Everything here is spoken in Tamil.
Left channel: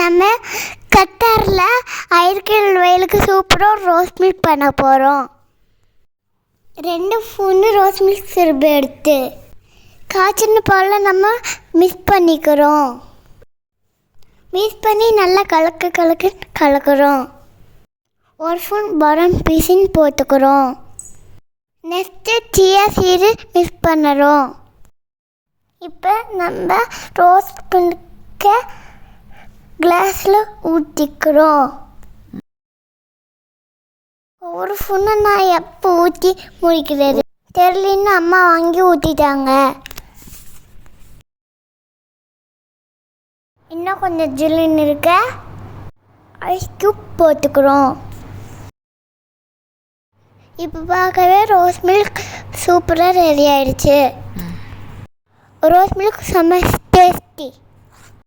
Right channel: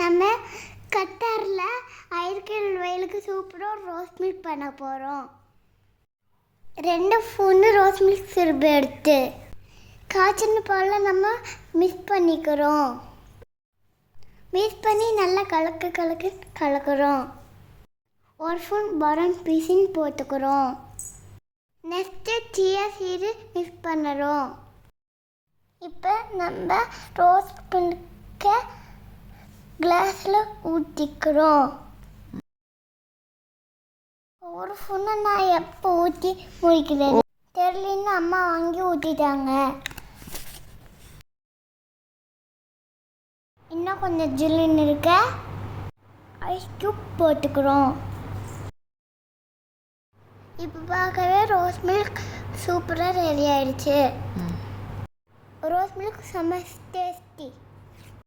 நம்ம கத்தாரில் ஐஸ்கிரீம் வயலுக்கு சூப்பராக ரோஸ் மில்க் பண்ண போகிறோம். 2 ஸ்பூன் ரோஸ் மில்க் சிரப்பு எடுத்து காய்ச்சின பாலில் நம்ம மிக்ஸ் பண்ணிக்கிறோம். மிக்ஸ் பண்ணி நல்லா கலக்குறோம். 1 ஸ்பூன் பாதாம் பீசின்னு போட்டுக்கிறோம். நெக்ஸ்ட்டு சியா சீடு மிக்ஸ் பண்ணுறோம். இப்போ நம்ம ரோஸ் மில்கை கிளாஸில் ஊற்றிக்கிறோம். ஒரு ஸ்பூனை நான் எப்போ ஊற்றி முடிக்கிறது தெரியலன்னு அம்மா வாங்கி ஊற்றிட்டாங்க. இன்னும் கொஞ்சம் ஜில்லுன்னு இருக்க ஐஸ் க்யூப் போட்டுக்கிறோம். இப்போ பார்க்கவே ரோஸ் மில்க் சூப்பராக ரெடி ஆயிடுச்சு. ரோஸ் மில்க் செம்ம